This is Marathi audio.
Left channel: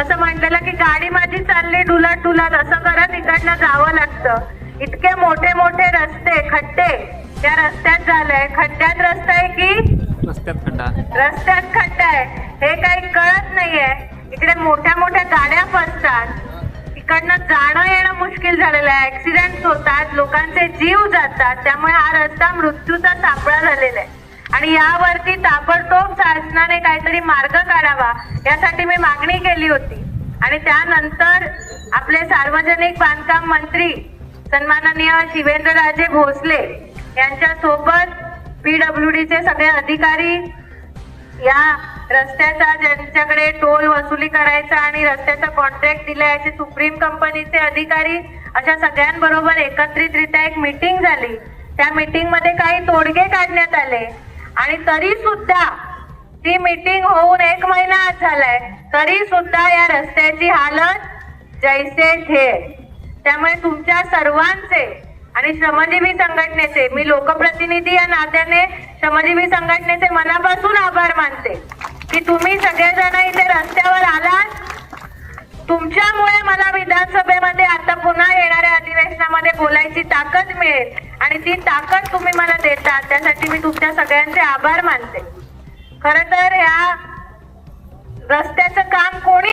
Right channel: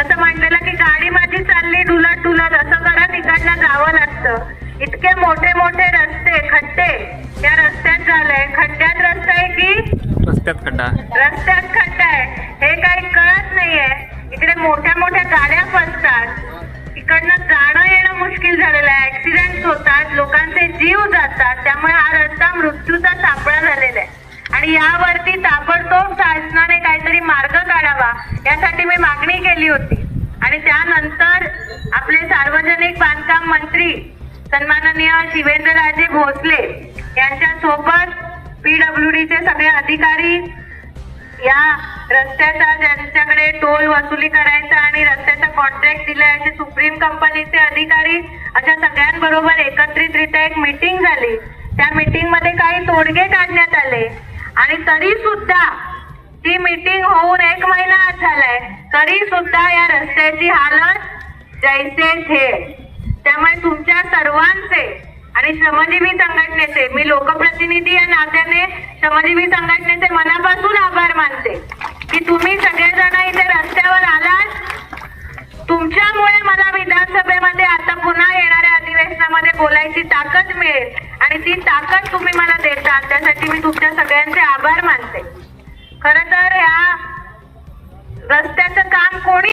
तसं म्हटलेलं की गाडी माझी चालली डुलत डुलत असं करत इकडनं जावं लागतं. इतके मोठे मोठे रस्ते खड्डे या रस्त्यात झालंय. खड्ड्यात रस्ता आहे की रस्त्यात खड्डा आहे हे काही कळत नाहीये. इकडे मोठ्या मोठ्या गाड्या फसतात, इकडनं जाणं येणं मुश्किल झालेलं आहे. ऍक्सिडेंट होतात, लोकांचे जीव जातात. त्यामुळे हा रस्ता मृत्यूचा सापळा झालेला आहे आणि यावरती ताबडतोब शासनाने काहीतरी मार्ग काढावा यासाठी मी मागणी केली होती. आणि त्यानंतर आपले सार्वजनिक बांधकाम मंत्री सन्माननीय शिवेंद्रराजे भोसले यांच्या सोबत PWDचे सगळे अधिकारी, या रस्त्याचा ज्यांच्याकडे टोल वसुली करायचा आणि रस्त्याचा कॉन्ट्रॅक्ट दिला याचे सुप्रीम कंपनीचे अधिकारी, अशा सगळ्यांबरोबर एकत्रितरित्या एक मीटिंग झाली. त्या मीटिंग मध्ये काही तोडगे काढण्यात आले आणि तरी सुद्धा ती मीटिंग होऊन 1 महिना झालाय, तरी सुद्धा या रस्त्याची हालत जैसे थे. त्यामुळे तुमच्या सर्वांचे आणि श्रमजीवी संघटनेचे, मी लोकप्रतिनिधी या नात्याने श्रमजीवी संघटनेचे मनापासून आभार मानते की तुम्ही सगळेजण इथे रस्त्यावर आलात. तुमच्यामुळे मला विधानसभेमध्ये आता पुन्हा येणाऱ्या अधिवेशनामध्ये बोलायची ताकद मिळेल आणि ती ताकद तुम्ही मला देता, त्यासाठी मी तुमच्या सगळ्यांचे आभार मानते. खरं तर या रस्त्याचं काम कोणी